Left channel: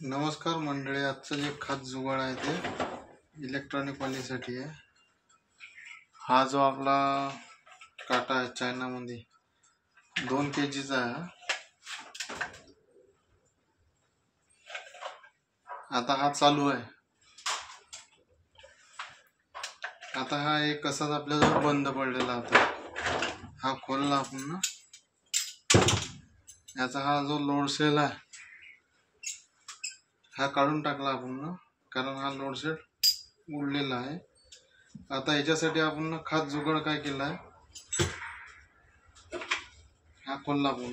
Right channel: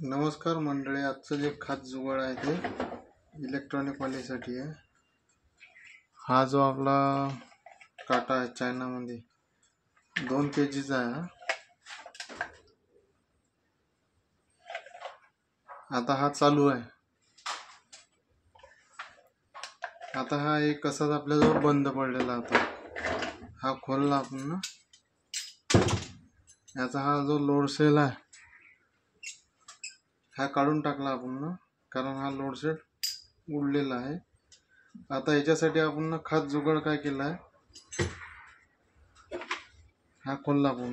नमस्कार मंडळी, आजचं जे खास जुगाड आहे ते इलेक्ट्रॉनिक वालीसाठी आहे। हा जो आपला काटा आहे चायनामध्ये 2 kgचा आहे। आता हा चालू आहे। आता हा एक असाच आपल्याजवळ बंद पडलेला होता। हा खोलला आपण ना, याचा हा जो लोड सेल आहे हा काढून टाकला आपण ना, कारण हा लोड सेल उडलेला आहे। आता याच्यासाठी आपण ना खास जुगाड काय केला आहे, हा खोलला आपण।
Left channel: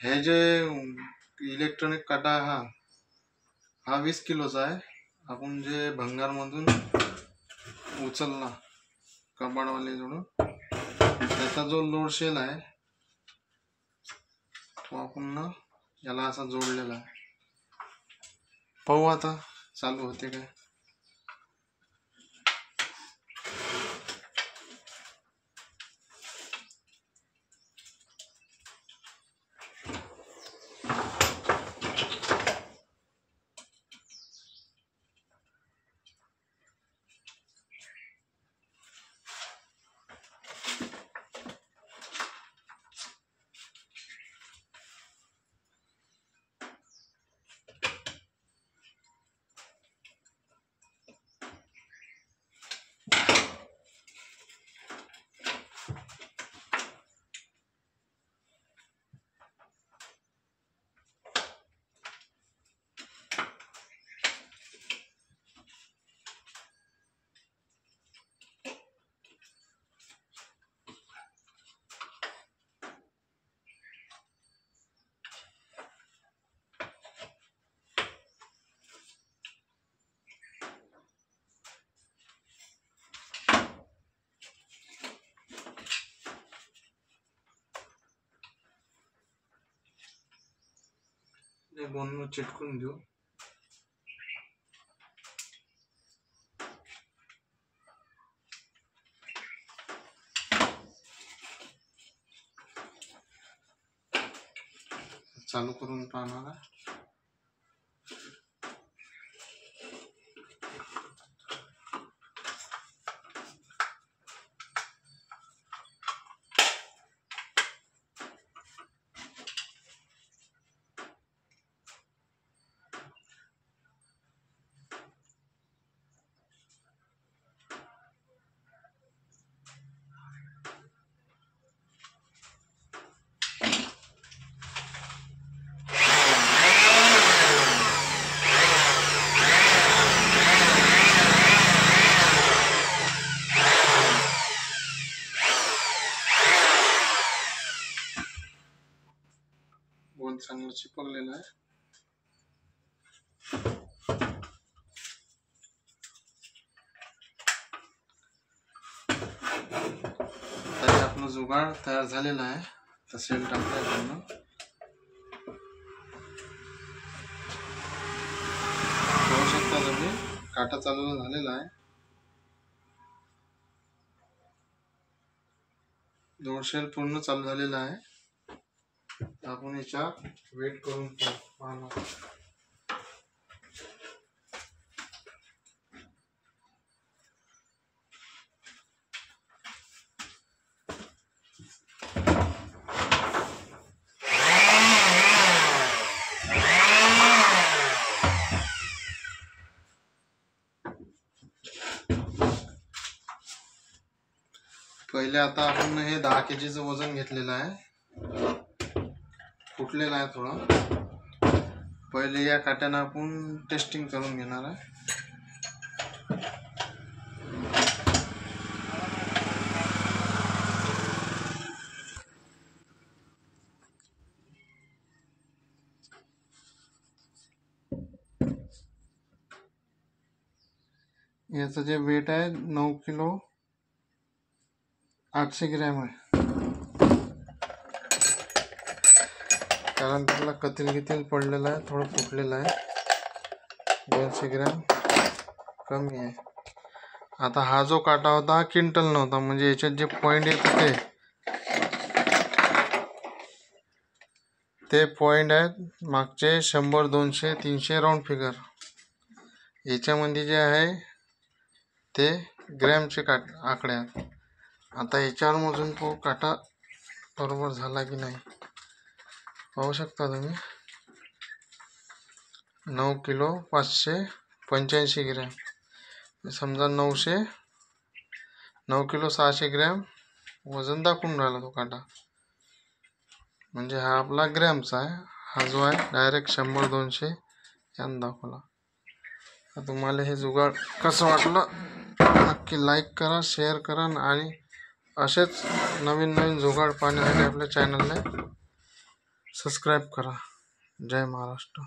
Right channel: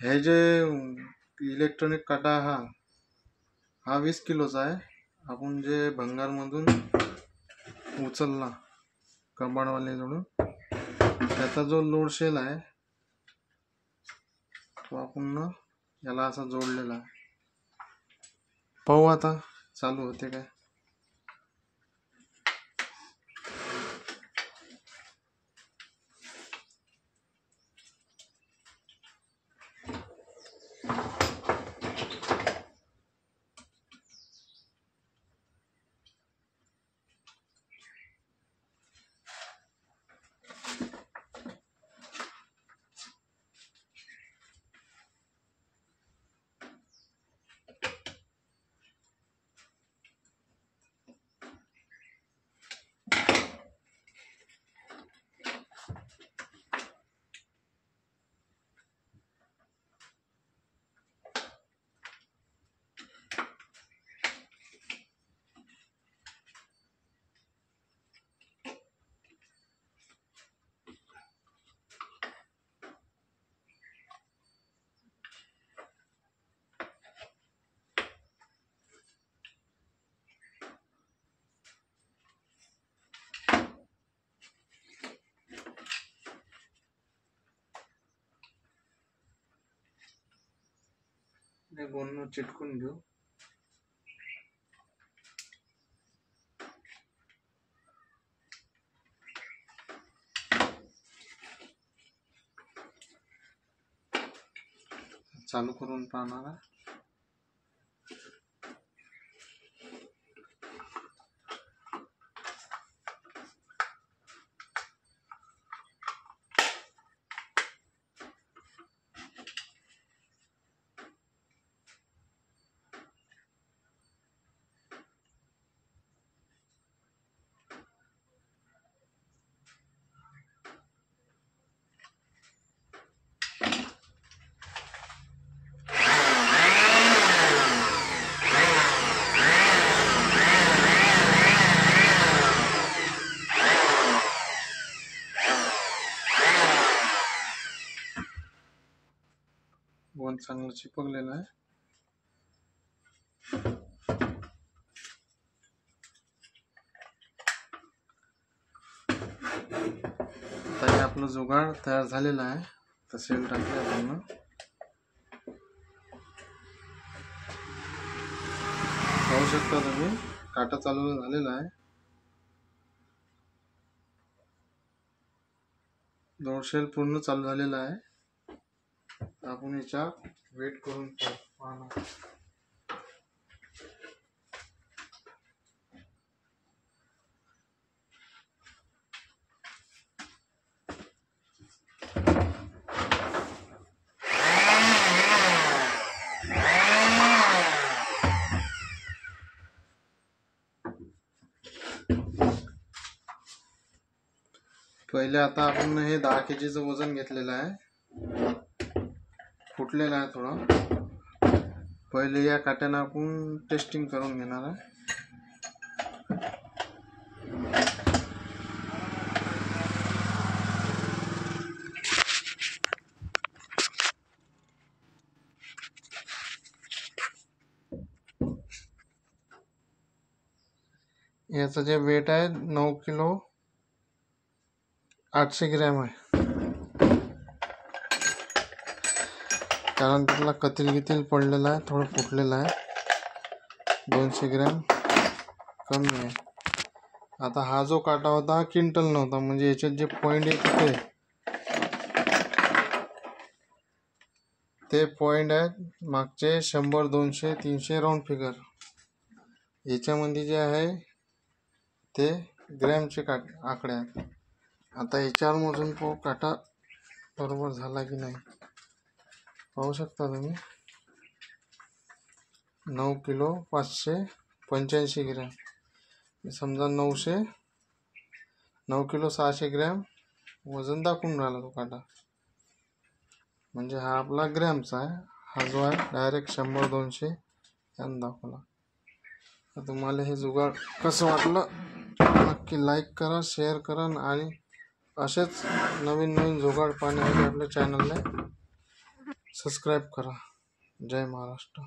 हे जे इलेक्ट्रॉनिक काटा हा 20 किलोचा आहे। आपण जे भंगारमधून उचलला कबाडवाले जोडून, त्याचा जो लोड सेल आहे तो आपण ना याला असा जोडलेला आहे। पाहू आता चालू होते काय। हे दोन चिटकून घेऊ। चालू करून पाहणार। बोन चांगलं चिपकलेलं आहे। तर आपलं जुगाड तयार झालेला आहे। तर सेल टाकूया आपण। पाहू शकता तुम्ही, काटा चालू झालेला आहे। लोड सेल पूर्ण चालू झालेला आहे। आपण याच्या वेट करून पाहणार। पहिले आता आपण हे 10 kgचं वजन घेतलेलं आहे, फुटलेला आहे थोडा। पहिले या काट्यानं आपण टेस्टिंग करून घेणार आहे। याचं जे वेट आहे 9 किलो 800 ग्रॅम आहे। कारण त्याला कतील पडलेला आहे, थोडं फुटलेलं आहे। 200 ग्रॅम कमी आहे। आता हा जो काटा होता हा क्विंटल नव्हता, म्हणजे याच्यात जे पॉइंट येत होते ते पॉईंट आहेत मागचे 100 200 300 राऊंड फिगर. याच्यामध्ये जे आहे ते ग्रॅमचे आकडे आहेत. आता याच्यावर मोजून पाहू काटा बरोबर झाला की नाही. पाहू शकता तुम्ही 9 किलो 585 ग्रॅम. समजा 9 किलो 600 ग्रॅम वजन दाखवून राहिला तो काटा. म्हणजे हा आपला ग्रॅमचा आहे. हा जो आहे डायरेक्ट 100 200 यानं दाखवला. तर तुम्हाला हे जुगाड कसं वाटलं नक्की लाईक करा, शेअर करा आणि असेच नवीन नवीन जुगाड पाहण्यासाठी आपल्या चॅनलला सबस्क्राईब करा. जय महाराष्ट्र.